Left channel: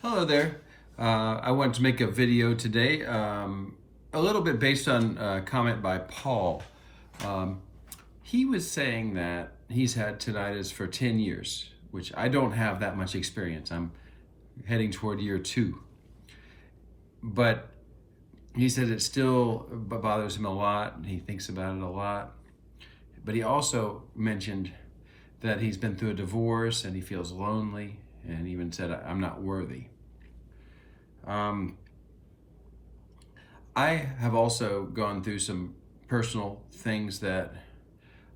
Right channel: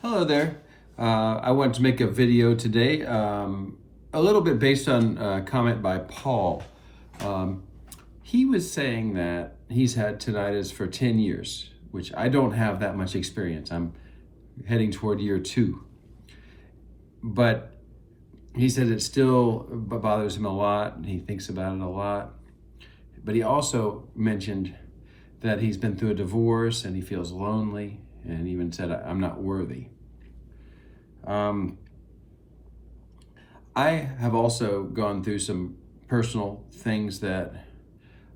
Hello there. I wanted to make a video today, a little bit based on a comment by Paul. Um, he was saying that he's had tinnitus for 10 years, which I don't have that much experience. I'm heading toward year 2. But he said it still bothers him a lot. He thinks about it a lot. But he also mentioned that he's been through a divorce and he feels lonely, and even said, I'm not worthy. Um, I have also gone through some personal things that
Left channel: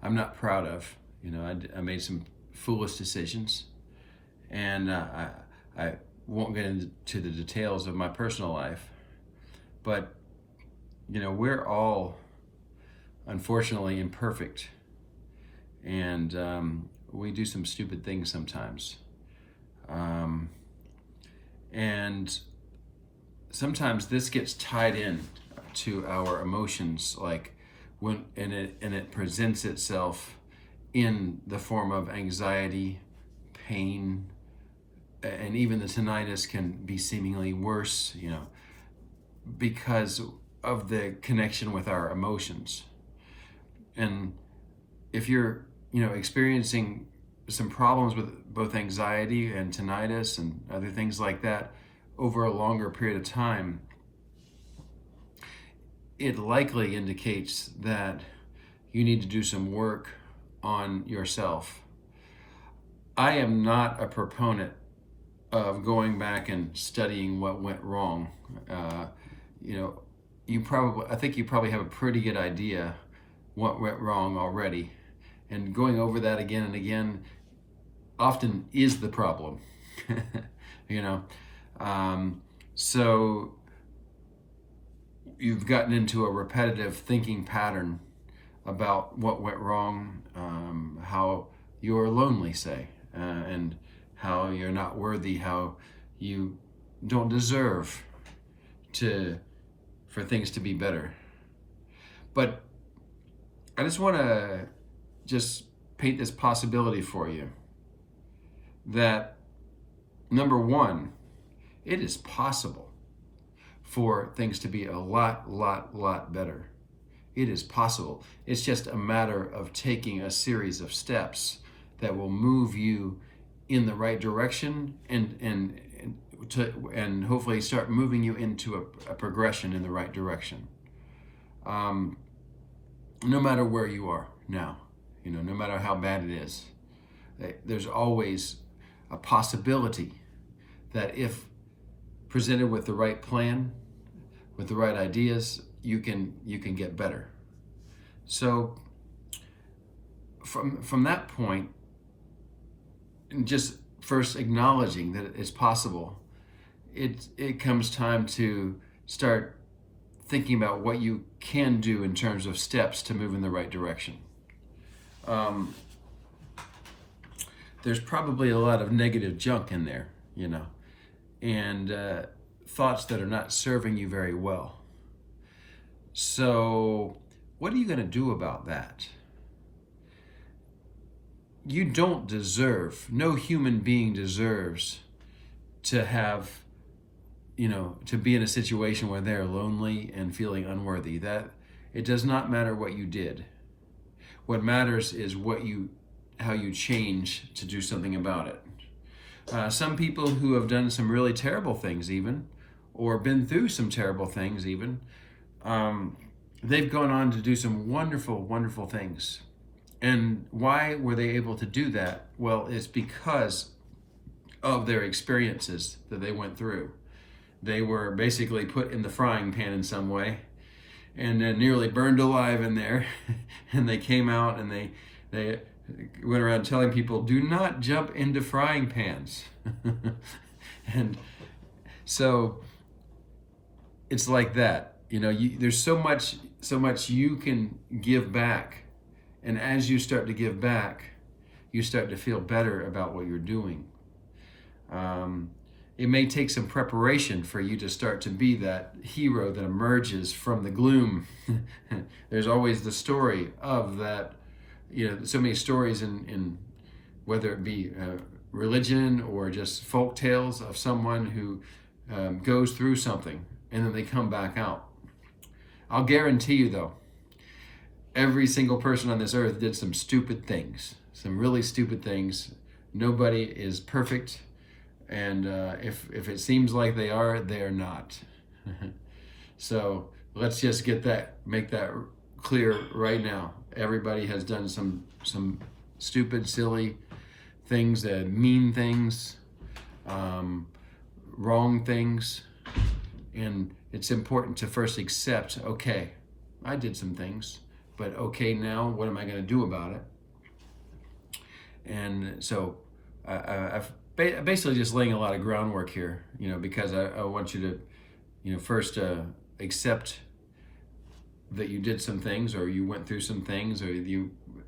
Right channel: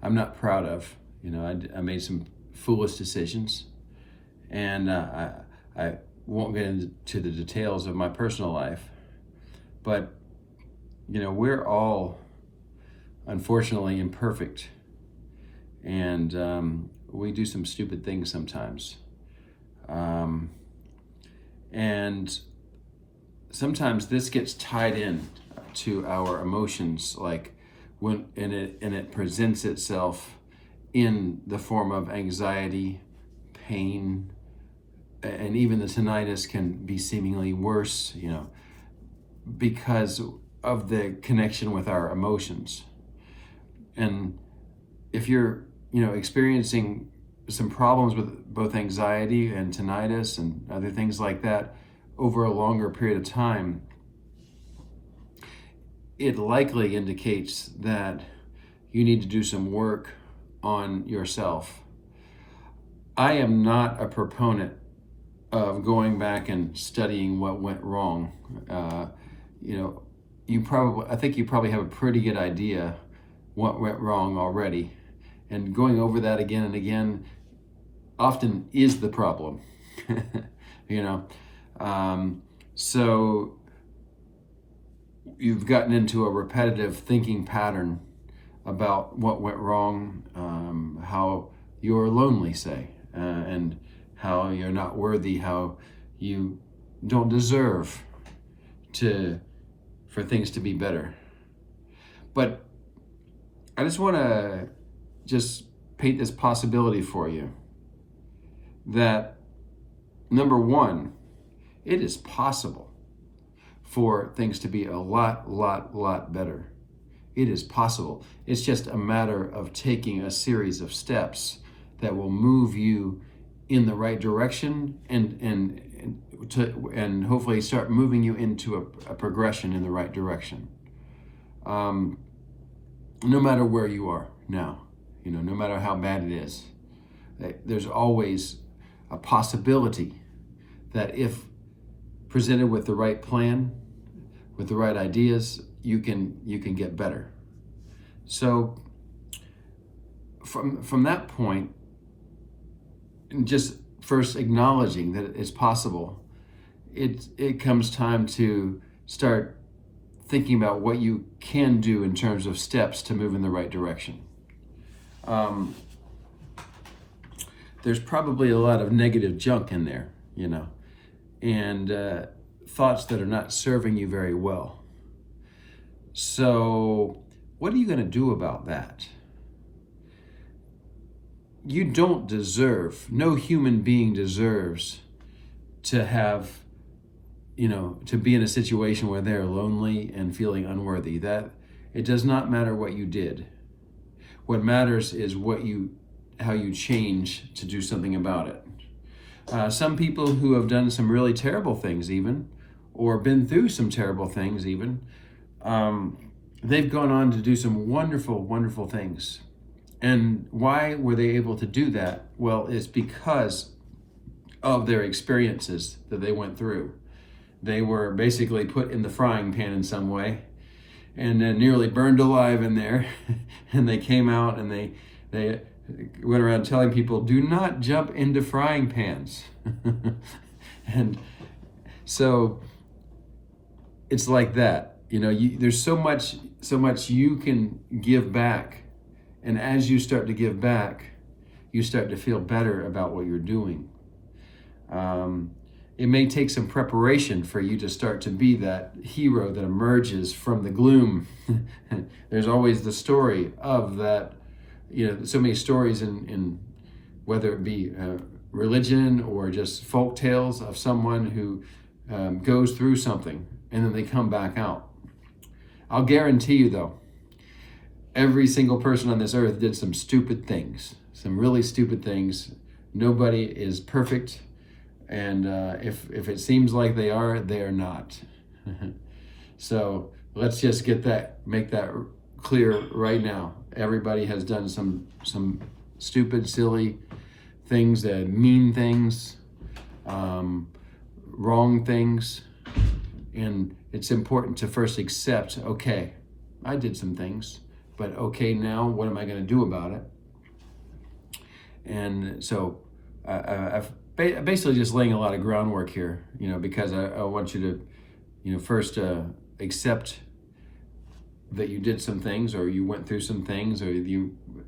I'm not proud of. I made some foolish decisions, and I won't get into the details of my personal life, but we're all unfortunately imperfect, and we do some stupid things sometimes. And sometimes this gets tied in to our emotions, like it presents itself in the form of anxiety, pain, and even the tinnitus can be seemingly worse, because of the connection with our emotions. And if you're, experiencing some problems with both anxiety and tinnitus and other things like that over a longer period of time, it likely indicates that you need to do some work on yourself. I am not a proponent of going back and studying what went wrong. I think you probably have a pretty good idea what went wrong already. And going over that again and again often is the problem. you know. So you've gotten into a repetitive thinking pattern about what went wrong, how you're lonely, say, and how you're not worthy, how you don't deserve for things to be better. But I just want to paint this possibility for you that, number one, it is possible for things to be a lot better. It is possible. It's just a matter of taking a series of steps that will move you in the right direction and hopefully start moving you into a progression in the right direction. No matter where you are now, no matter how bad it is, there's always a possibility that if presented with the right plan, with the right ideas, you can get better. So from that point, just first acknowledging that it's possible, it comes time to start thinking about what you can do in terms of steps to move in the right direction. There's probably a lot of negative junk in there, and thoughts that are not serving you very well. So what are you going to do about that? You don't deserve, no human being deserves to have, to be in a situation where they're lonely and feeling unworthy. That it does not matter what you did. What matters is how you change to do something about it. Some people who have done some really terrible things even, or been through some terrible things even, they've gone on to do some wonderful things. And why were they able to do that? Well, it's because of their experiences that they went through. They were basically put in the frying pan in some way and nearly burned alive in there. And they came out and they went around telling people, do not jump into frying pans. And so it's like that. There's so much you can give back. And as you start to give back, you start to feel better about what you're doing. It may take some preparation for you to start to be that hero that emerges from the gloom. There's always the story of that, so many stories in whether it be religion or just folk tales of someone who goes through something and then they come back out. I'll guarantee you though, every single person on this earth did some stupid things, some really stupid things. Nobody is perfect. And if it seems like they are not. So let's just make that clear right now. Everybody has done some stupid, silly things, mean things, wrong things. And it's important to first accept, okay, I did some things, but okay, now what am I going to do about it? And so I've basically just laying a lot of groundwork here, because I want you to, first accept that you did some things, or you went through some things, or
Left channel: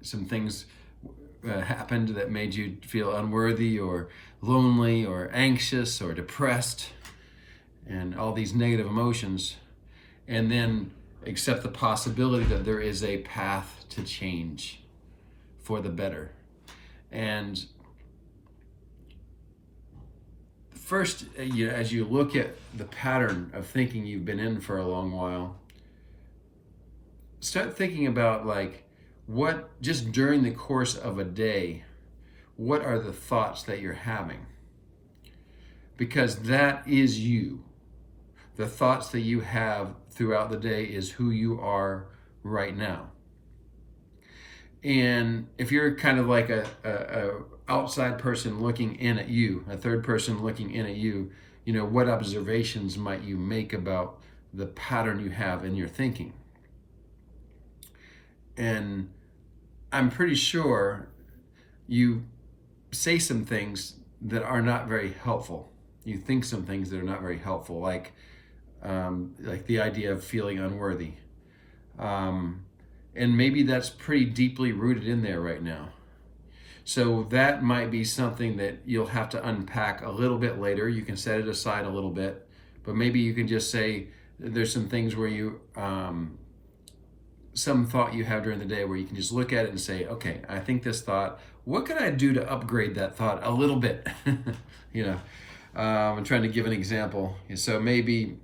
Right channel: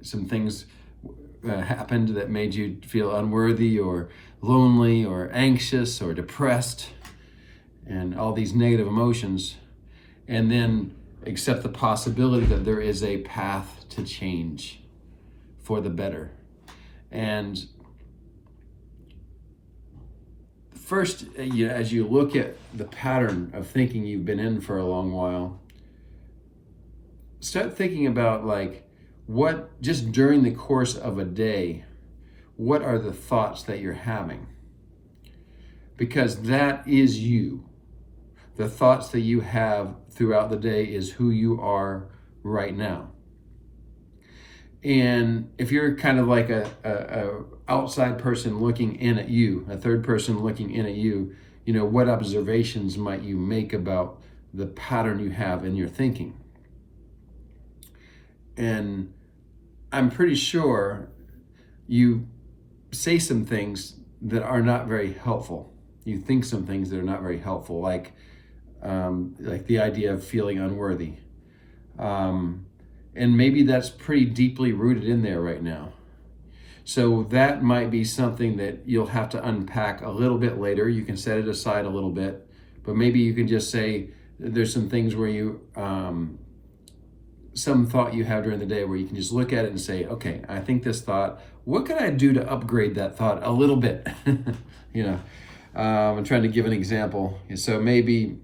some things happened that made you feel unworthy or lonely or anxious or depressed and all these negative emotions, and then accept the possibility that there is a path to change for the better. And first, as you look at the pattern of thinking you've been in for a long while, start thinking about what, just during the course of a day, what are the thoughts that you're having? Because that is you. The thoughts that you have throughout the day is who you are right now. And if you're kind of like a outside person looking in at you, a third person looking in at you, what observations might you make about the pattern you have in your thinking? And I'm pretty sure you say some things that are not very helpful. You think some things that are not very helpful, like the idea of feeling unworthy. And maybe that's pretty deeply rooted in there right now. So that might be something that you'll have to unpack a little bit later. You can set it aside a little bit, but maybe you can just say there's some things where you, some thought you have during the day where you can just look at it and say, okay, I think this thought, what can I do to upgrade that thought a little bit? I'm trying to give an example. So maybe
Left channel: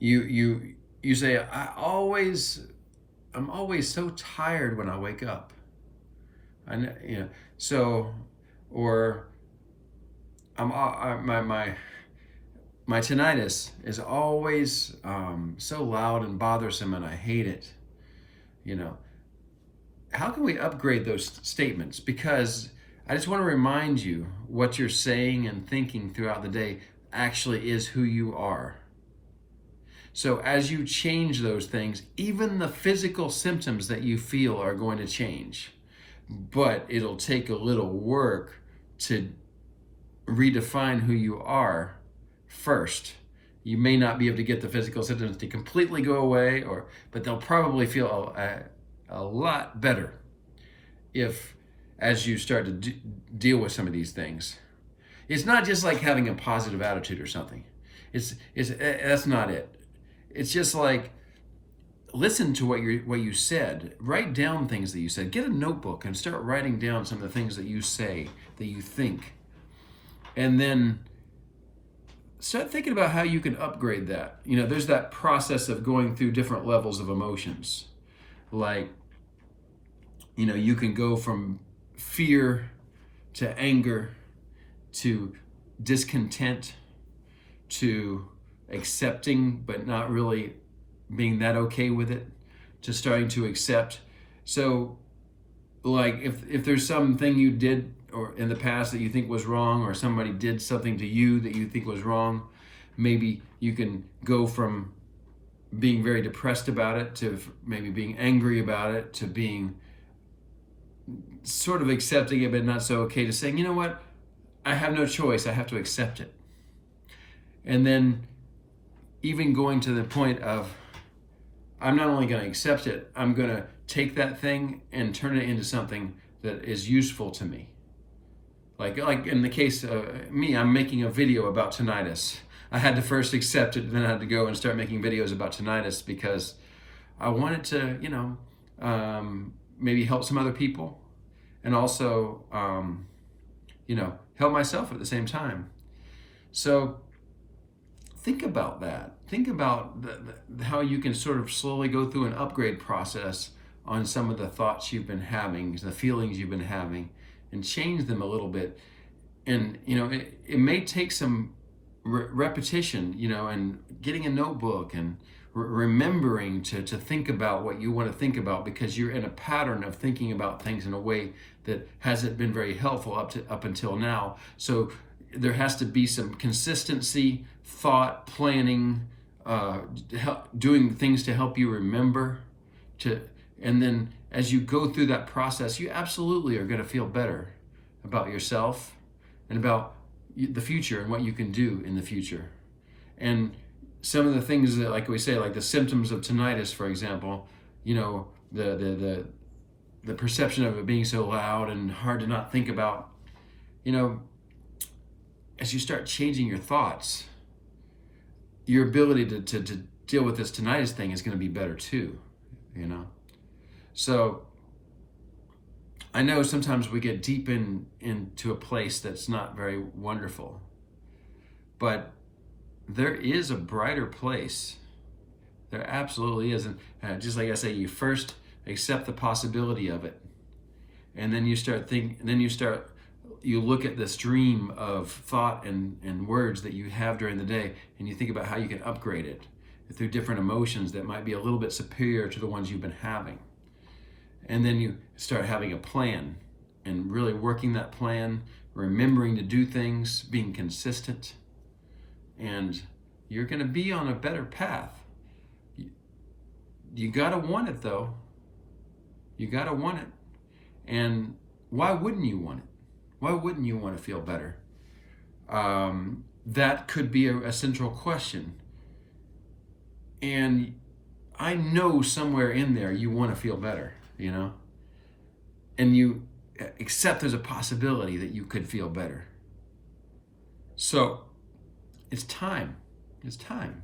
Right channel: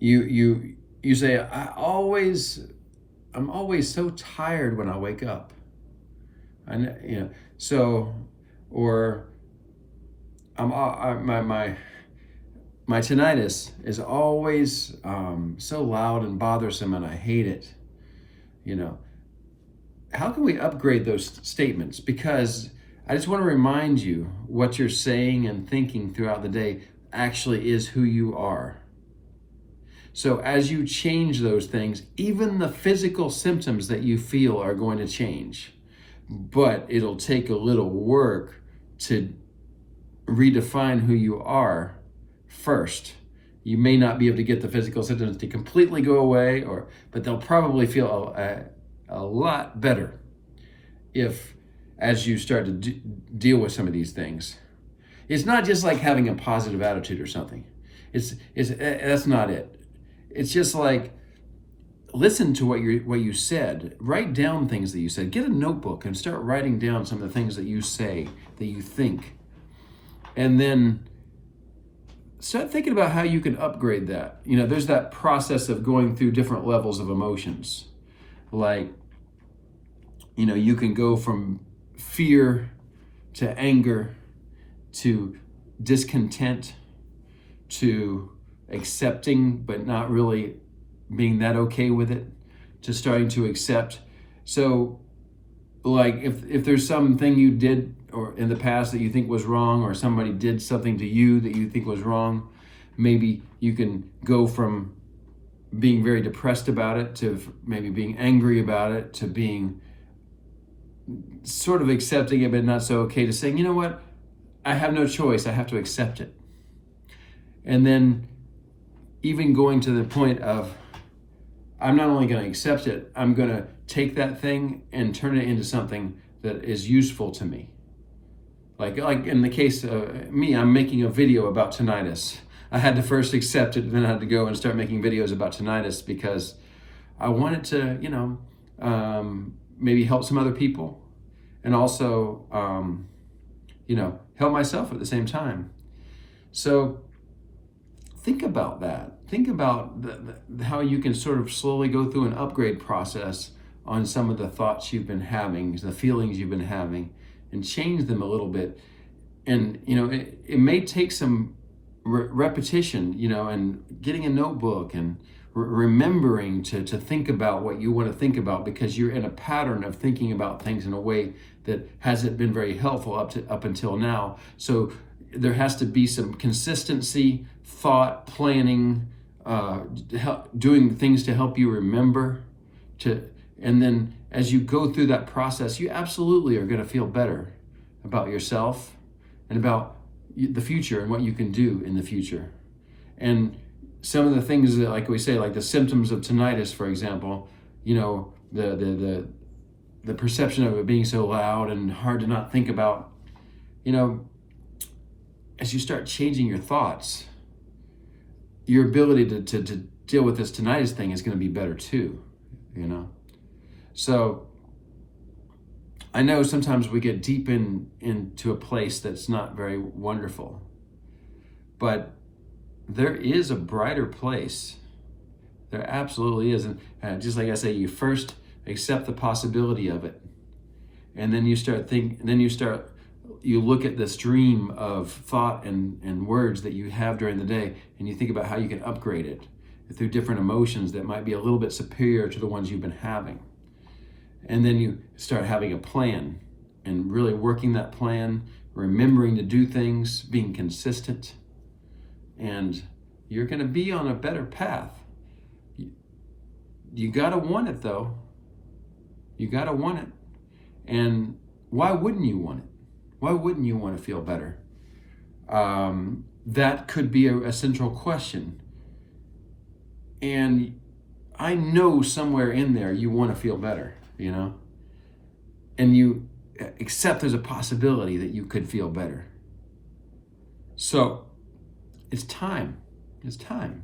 you say, I'm always so tired when I wake up. Or my tinnitus is always so loud and bothersome, and I hate it. How can we upgrade those statements? Because I just want to remind you, what you're saying and thinking throughout the day actually is who you are. So as you change those things, even the physical symptoms that you feel are going to change. But it'll take a little work to redefine who you are first. You may not be able to get the physical symptoms to completely go away, but they'll probably feel a lot better as you start to deal with some of these things. It's not just like having a positive attitude or something. That's not it. It's just like, listen to what you said. Write down things that you said. Get a notebook and start writing down some of the things that you say, that you think. And then start thinking about how you can upgrade that. There's that process of going through different levels of emotions. Like, you can go from fear to anger to discontent to accepting but not really being that okay with it, to starting to accept. So like if there's something you did or in the past that you think was wrong, or somebody did something to you that you think was wrong, maybe you can go from being very depressed about it to maybe being angry about it to being sort of accepting it but not so okay, to saying, you know what, I have no choice, I have to accept it. And then even going to the point of, I'm not only going to accept it, I'm going to take that thing and turn it into something that is useful to me. Like in the case of me, I'm making a video about tinnitus. I had to first accept it, then I had to go and start making videos about tinnitus because I wanted to, maybe help some other people, and also help myself at the same time. So think about that. Think about how you can sort of slowly go through an upgrade process on some of the thoughts you've been having, the feelings you've been having, and change them a little bit. And, it may take some repetition, and getting a notebook and remembering to think about what you want to think about, because you're in a pattern of thinking about things in a way that hasn't been very helpful up until now. So there has to be some consistency, thought, planning, doing things to help you remember. And then as you go through that process, you absolutely are going to feel better about yourself and about the future and what you can do in the future. And some of the things that, like we say, like the symptoms of tinnitus, for example, the perception of it being so loud and hard to not think about, as you start changing your thoughts, your ability to deal with this tinnitus thing is going to be better too, So I know sometimes we get deep into a place that's not very wonderful, but there is a brighter place. There absolutely is. And just like I say, you first accept the possibility of it. And then you look at the stream of thought and words that you have during the day, and you think about how you can upgrade it through different emotions that might be a little bit superior to the ones you've been having. And then you start having a plan and really working that plan, remembering to do things, being consistent, and you're going to be on a better path. You got to want it, though. You got to want it. And why wouldn't you want it? Why wouldn't you want to feel better? That could be a central question. And I know somewhere in there you want to feel better, and you accept there's a possibility that you could feel better. So it's time. It's time.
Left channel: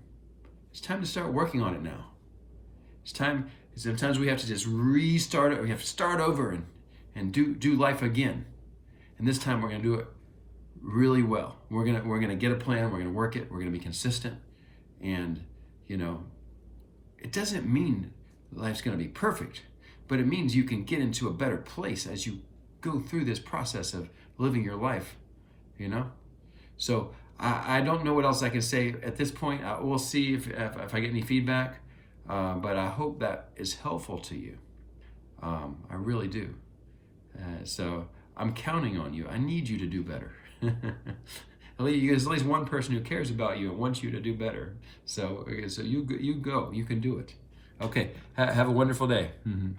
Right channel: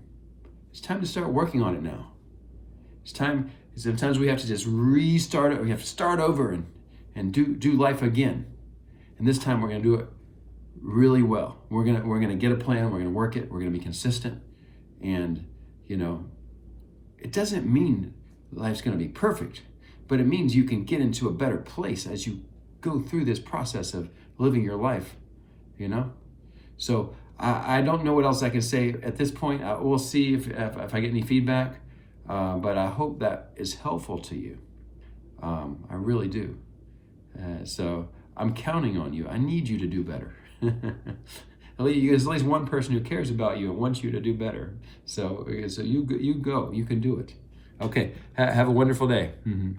It's time to start working on it now. It's time. Sometimes we have to just restart it. We have to start over and do life again. And this time we're going to do it really well. We're gonna get a plan. We're gonna work it. We're gonna be consistent. And it doesn't mean life's gonna be perfect, but it means you can get into a better place as you go through this process of living your life. So I don't know what else I can say at this point. We'll see if I get any feedback, but I hope that is helpful to you. I really do. So I'm counting on you. I need you to do better. There's at least one person who cares about you and wants you to do better. So you go. You can do it. Okay. Have a wonderful day. Mm-hmm.